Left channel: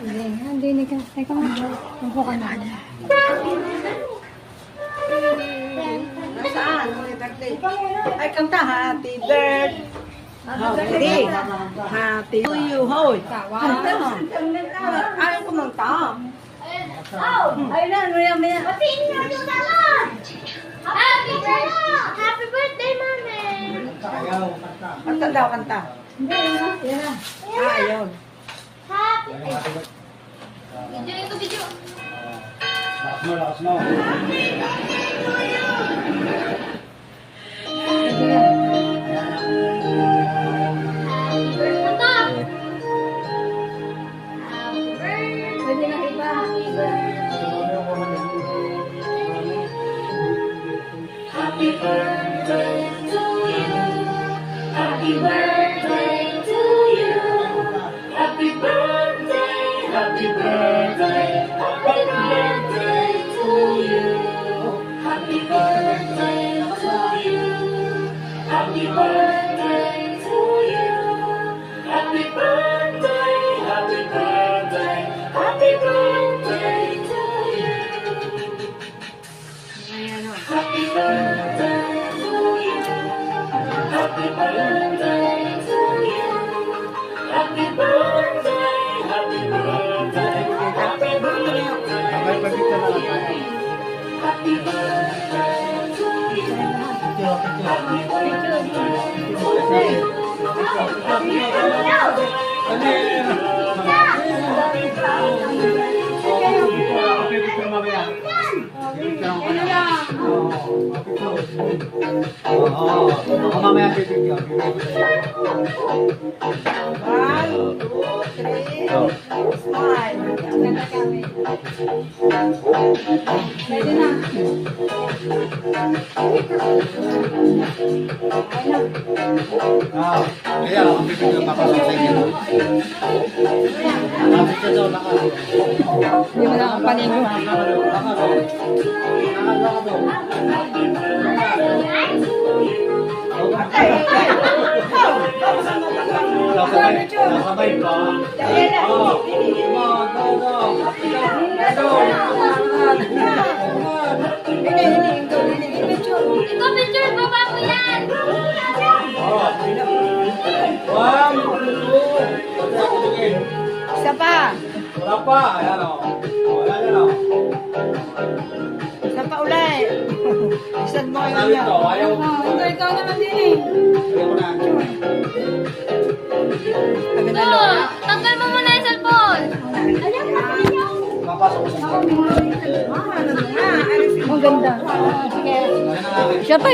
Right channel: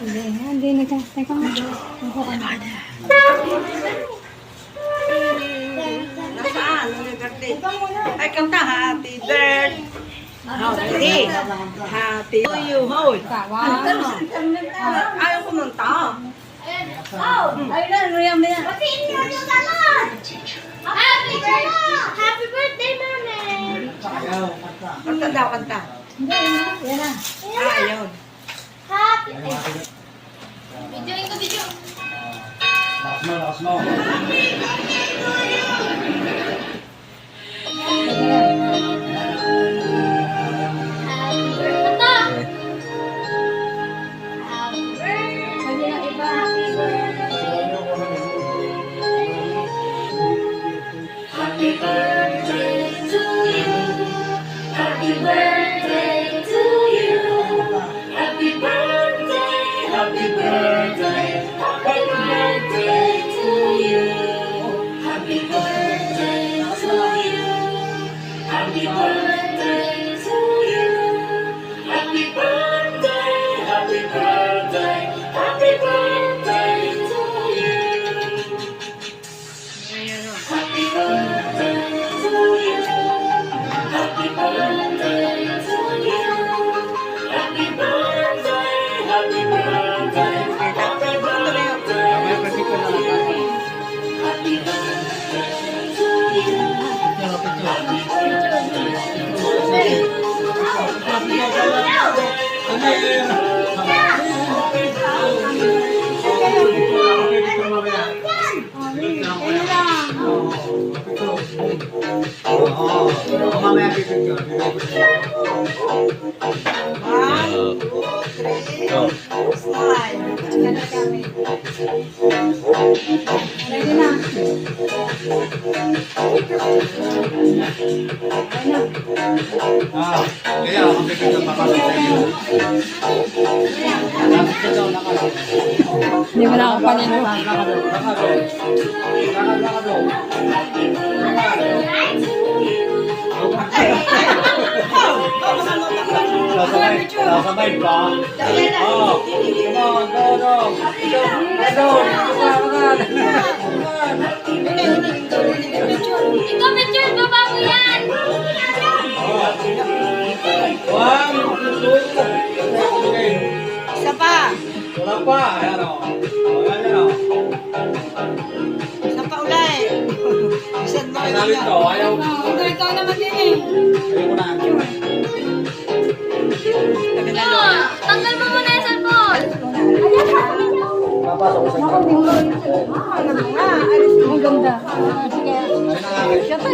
Hindi nagkastay ko nga. Ako ka na. Nasaan? Ay, kanta happy birthday. Happy to you, hoy. Ayaw ko ng tao. Ayun na, ano yan yan? Batiin niyo yung galon! Happy birthday! Happy birthday, Mami! Kanta daw, kanta. Hindi, yan na. Ayun. Happy... Videoin ko, video. Lakas mo. Happy birthday. Kanta! Happy birthday. Pwede na iba. Happy birthday to you. Happy birthday to you. Happy birthday, happy birthday, happy birthday to you. Happy birthday to you. Happy birthday to you. Happy birthday, happy birthday, happy birthday to you. Happy birthday to you. Happy birthday to you. Happy birthday, happy birthday, happy birthday to you. Happy birthday to you. Happy Mamaya bibig ka. One, two, three, smile. Pwede na. Kaya ako bibig ka makasasaya. Lapit ka daw, nakalo. Hindi mo na ako panigo. Nasabay pa. Ikaw, picture, baba mo yan! Isa pa. Wala pa. Ayan o. Ayan o. Isa pa ulit. Isa mo Sabi ko, ayaw. Ikaw naman din eh. Ikaw, tanggal mo muna yung cellphone! Ayan, sabi niyo! Papasok ko sa Ang ganda. Sige. Ayan ang akin. Siya pa